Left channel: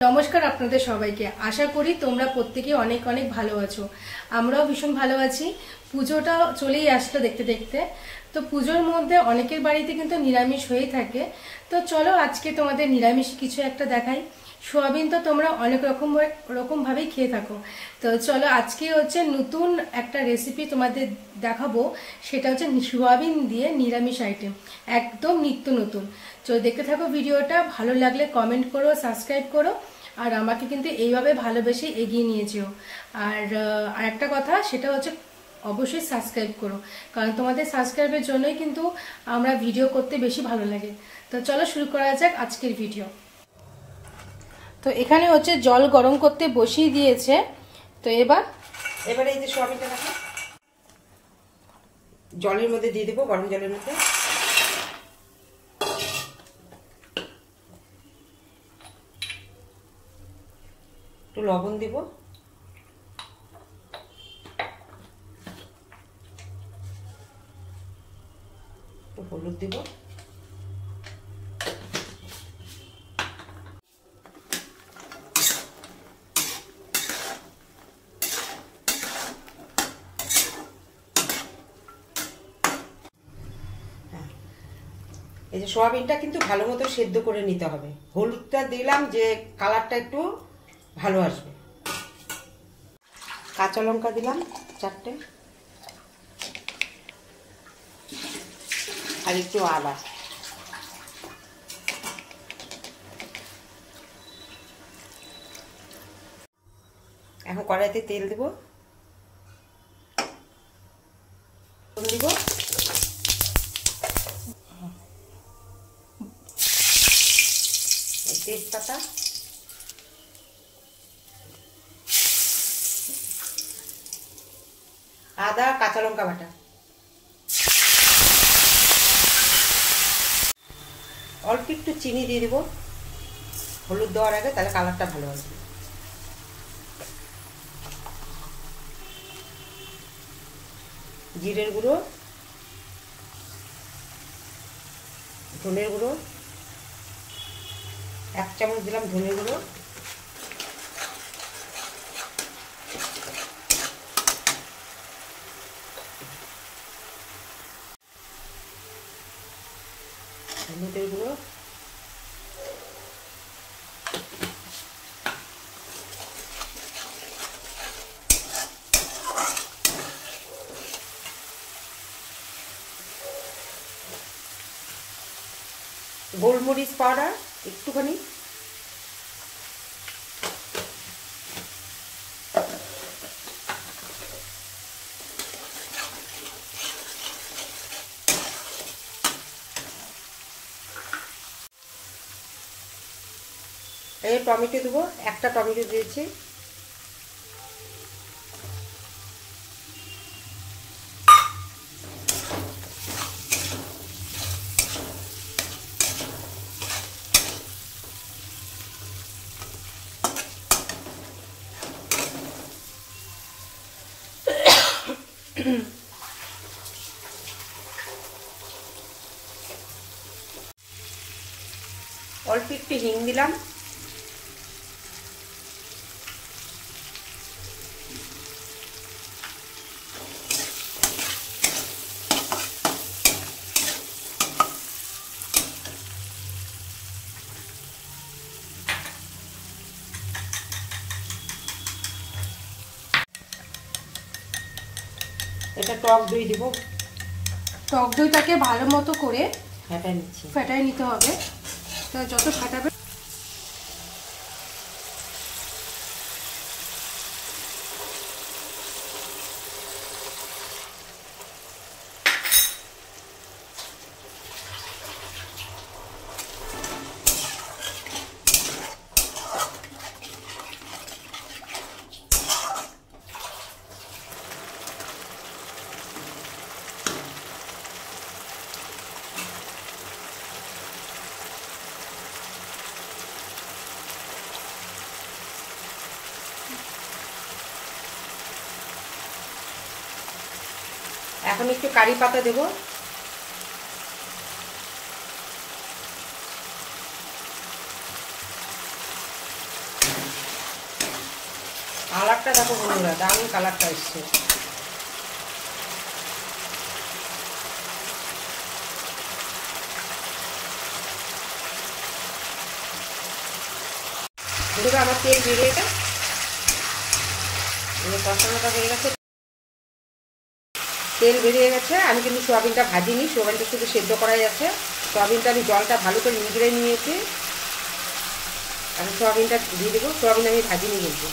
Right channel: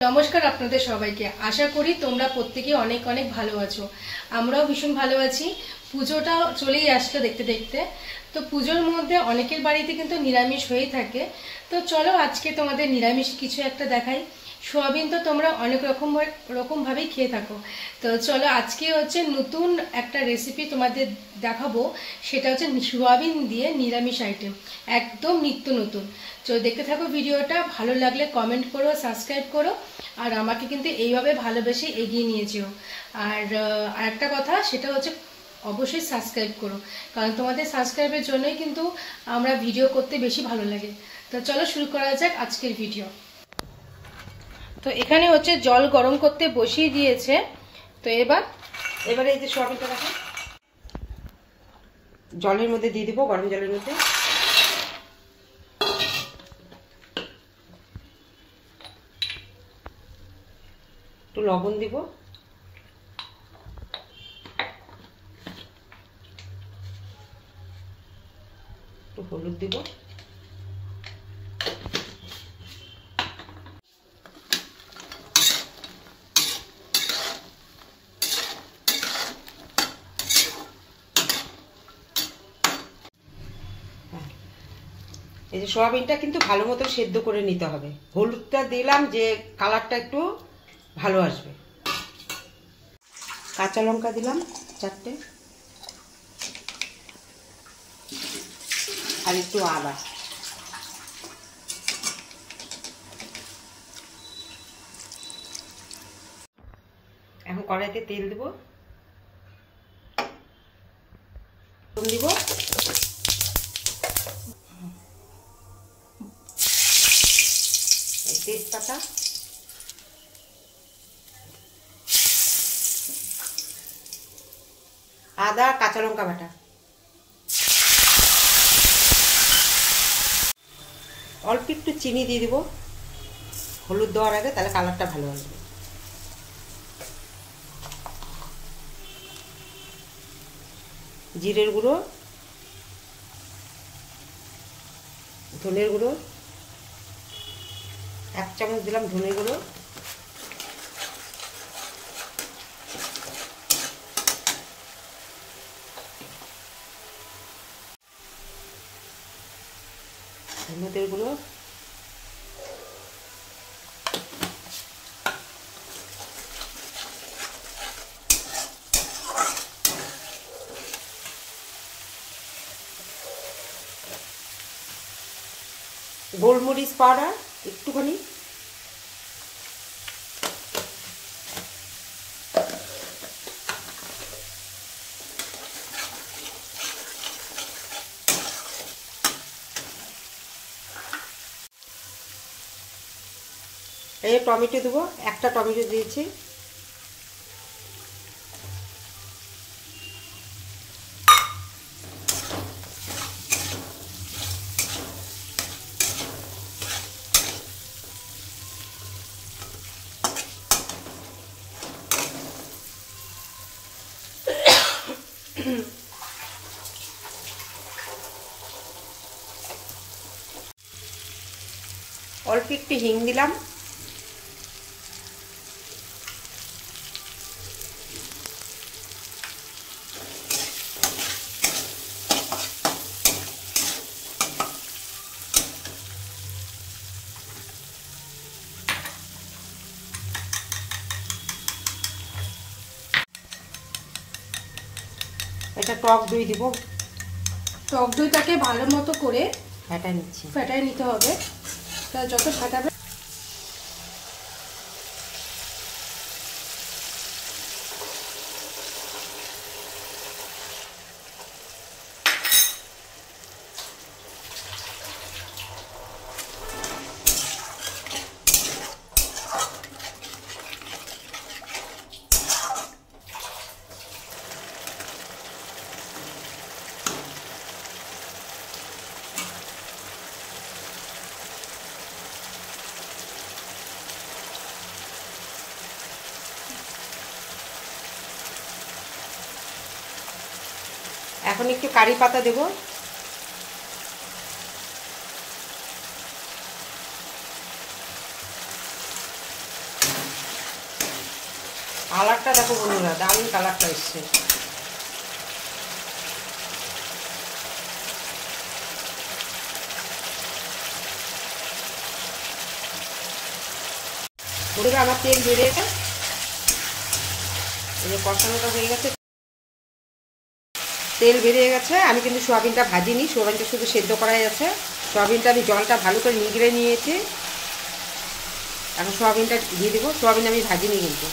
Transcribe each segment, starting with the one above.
নমস্কার আপনাদের সবাইকে। আশা করি তোমরা প্রত্যেকে অনেক অনেক ভালো আছো। আমরাও ভীষণ ভালো আছি। পুজোটা চলেই আসলো দেখতে দেখতে। তো পুজোর মধ্যে অনেকের বাড়িতে কিন্তু নিরামিষ হয়েই থাকে। তো চলো আজকে তোমাদের নিরামিষ কিছু একটা দেখাই। সোয়াবিন তো তোমরা অনেক রকম ভাবেই খেয়ে থাকো। তো চলো আজকে হচ্ছে নতুন একটা রেসিপি তোমাদের দেখাবো। সেটা হচ্ছে সোয়াবিন দিয়ে নিরামিষ আইটেম, একদম নিত্য নতুন। তো দেখতে থাকো ভিডিওটা। ভালো লাগলে কমেন্ট করো, সাবস্ক্রাইব করো, আর আমাকে কিন্তু এইভাবে ভালোবেসে এগিয়ে নিয়ে যেও। আর আরেকটা কথা, সেটা হচ্ছে অবশ্যই সাবস্ক্রাইব করো, কারণ তোমাদের সাবস্ক্রাইবের জন্যই কিন্তু আমরা ভিডিও করতে বেশি ভালো লাগে। তো চলো শুরু করা যাক আজকের ভিডিও। তো এখানে হচ্ছে জল গরম করতে বসিয়ে দিয়েছে। তো এবারে এই যে সোয়াবিনটা রাখো, জলের মধ্যে দিয়ে দেবো, গরম জলের মধ্যে। একটু লবণ দিব, একটু হলুদ দিব, এই যে সোয়াবিনটা কিন্তু ভালো মতো সেদ্ধ করে নিতে হবে। হলুদটা দিলাম যে কালারটা একটু ভালো আসবে। কাঁচা লঙ্কা দিলাম 4টে, আর একটু আদা। এখন কড়াইতে তেল দেব, দিব তেজপাতা, আদা, কাঁচা লঙ্কা বাটা, অল্প একটু চিনি দিয়ে দিব হলুদ দেওয়ার আগে, তাহলে কালারটা ভালো আসবে। জিরের গুঁড়ো, ধনের গুঁড়ো 1 চামচ দিলাম, ধনের গুঁড়ো, হলুদের গুঁড়ো, গোলমরিচ পাউডার একটুখানি, এই টমেটো দেবো, 1টা টমেটো দিয়েছি, অল্প একটু হিং দিলাম, এটা টক দই দিব। টক দইটাকে ভালো মতো করে ফেটায় নিতে হবে। যত ফাটাবে এখন একটু কারি পাতা দেব, কালারটা দেখো বন্ধুরা, দারুণ কালারটা এসছে। বন্ধুরা আমার তেল বেরিয়ে গেছে, কষানোটা হয়ে গেছে, তেল বেরিয়ে গেছে। আমি কিন্তু সোয়াবিনটা ভাজিনি, সোয়াবিনটা শুধু সেদ্ধ করাই আছে। সোয়াবিনটা আমি জলটা ভালো করে নিগড়ে নিয়েছি, এখন সোয়াবিনটা দিয়ে দেবো। সোয়াবিন আমি ভাজিনি কিন্তু।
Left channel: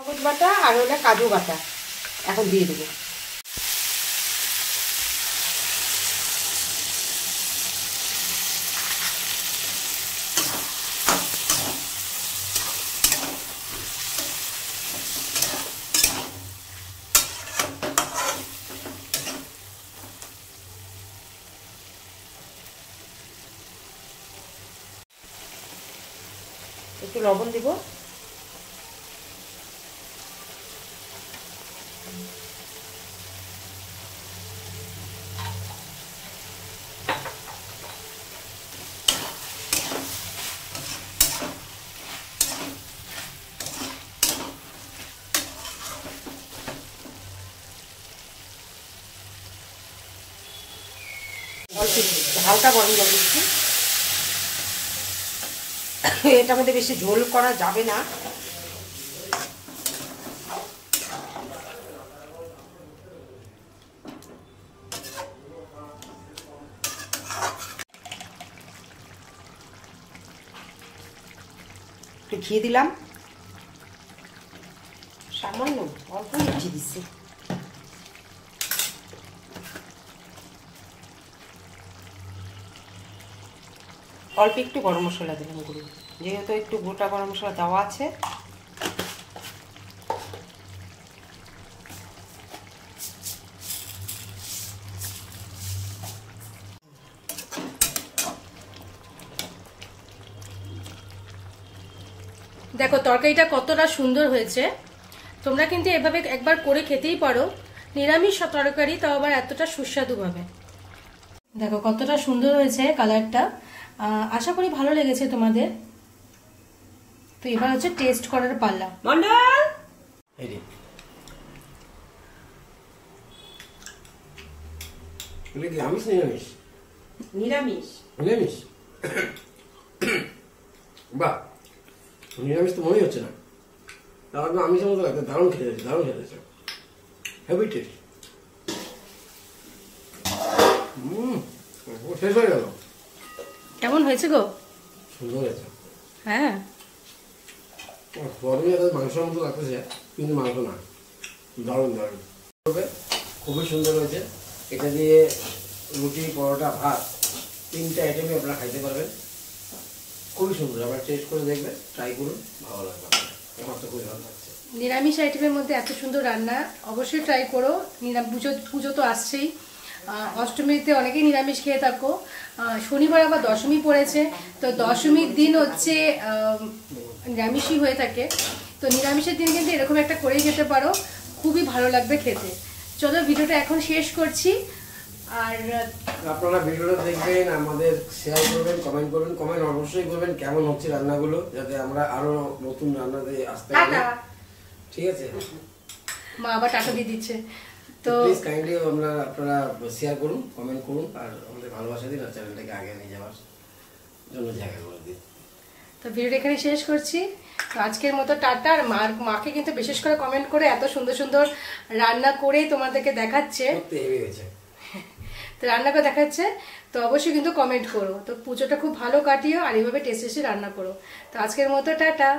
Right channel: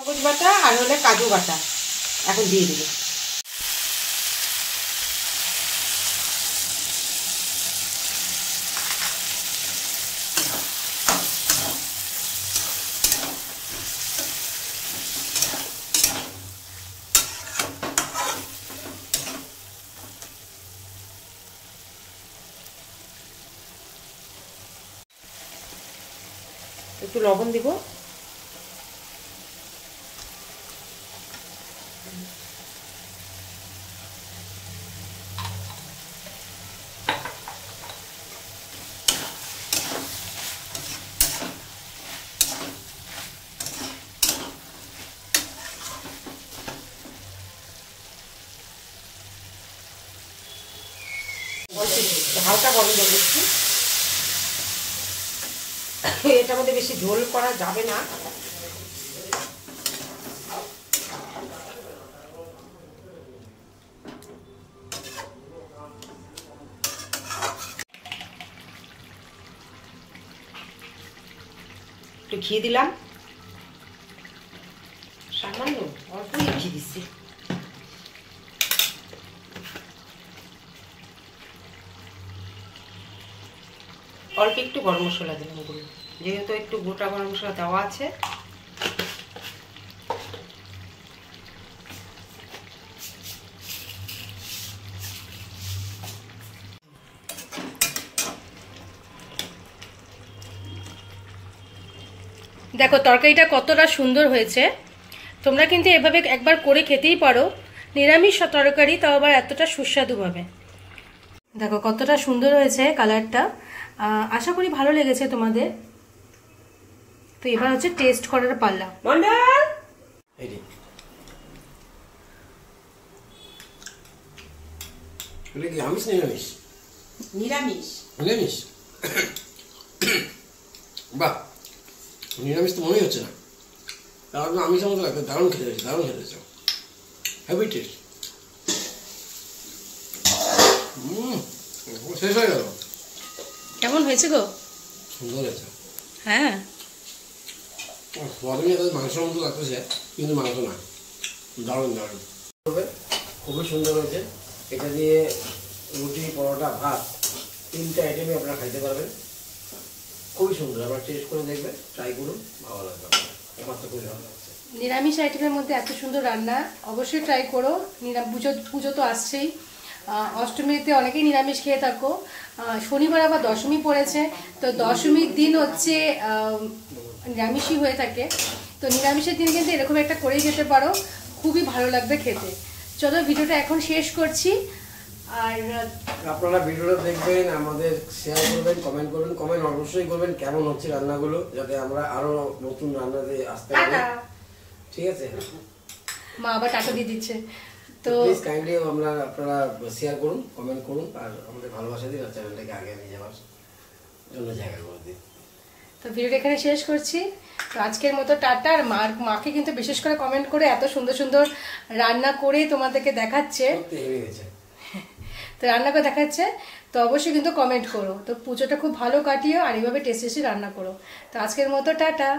সবুজ বাটা আর হলে কাজু বাটা এখন দিয়ে দেবো। একটু লবণ দিব, হালকা গরম জল দিচ্ছি। এটার মধ্যে বেশি ঝোল করা যাবে না। একটু ঘি দিলাম, সামান্য অল্প ঘি দিচ্ছি। অল্প একটু গরম মশলা দিলাম গুঁড়ো, যেহেতু একটু গোটা গরম মশলা দেওয়া আছে। দেখো তরকারিটা কতটা সুন্দর হয়েছে। তোমরা কিন্তু এভাবে একবার করে খেতেই পারো, নিরামিষ তরকারি, তাও আবার এতটা সুস্বাদু ভাবে। দেখো কতটা সুন্দর হয়েছে কালারটা। আশা করি ভালো লেগেছে তোমাদের। তো এবার হচ্ছে টেস্ট করার পাল্লা। আমিষ নিরামিষ? নিরামিষ। নিরামিষ? বাহ, নিরামিষ তো মনেই হচ্ছে না, তারপর আমিষের মতো লাগবে। দারুণ খেতে হয়েছে, দারুণ খেতে হয়েছে, হেভি টেস্ট। শেষ হয়ে গেল। কেমন হয়েছে গো? সুন্দর হয়েছে। হ্যাঁ, প্রথমে তাদের মাংসের মতো লাগতেছে, কিন্তু মাংস না। দারুণ দারুণ, খুবই সুন্দর হয়েছে। এটা দিয়ে রুটি, পরোটা, ভাত, তিনটা আইটেমই আপনারা খাইতে পারবেন। খুবই সুন্দর, আবার টেস্ট করে দেখবে, ট্রাই করুন, ভালো লাগবে। আমার তো খুবই ভালো লাগছে। নিরামিষ আইটেমের মধ্যে এত সুন্দর রান্না অবশ্যই ট্রাই করো। পুজো তো আসছেই, অষ্টমীতে অনেকেই নিরামিষ খেয়ে থাকো। শনিবার আবার দশমী পড়েছে, তো দশমীর দিন হচ্ছে নিরামিষই হয়ে থাকে। তো নিরামিষের দিন কিন্তু এরকম একটা করেই খেতে পারো, খুবই ভালো লাগবে খেতে। চলো ভিডিওটা এখন শেষ করছি। আর আপনারা ভিডিওটা দেখবেন, আমাদের শেয়ার করবেন, কমেন্ট করবেন। কমেন্ট অবশ্যই করবেন কেমন হচ্ছে রান্নাগুলো, যাতে আমরা আরো নতুন রান্না দিয়ে আসতে পারি। ঠিক আছে, মা আবার টাকা দিয়ে দিচ্ছে। তো প্লিজ কাইন্ডলি আপনারা শেয়ার করুন, কমেন্ট করুন, আর আমাদের ভালোবাসা দিন, আর চ্যানেলটাকে আগে নিয়ে যাওয়ার জন্য জায়গা করে দিন। তো ভিডিওটা এখানে শেষ করছি। তো আজকের মতো টাটা। আর মাকে কিন্তু বিশেষ করে কমেন্ট করে এত সুন্দর সুন্দর রান্না করে তোমাদেরকে দেখাচ্ছে, তো রান্না করে দেখাচ্ছে, তো অবশ্যই কিন্তু কমেন্ট করো। তো পুজোটা খুব ভালো কাটিও, আর এইভাবে টেস্টি রান্না করো। তো আজকের মতো টাটা।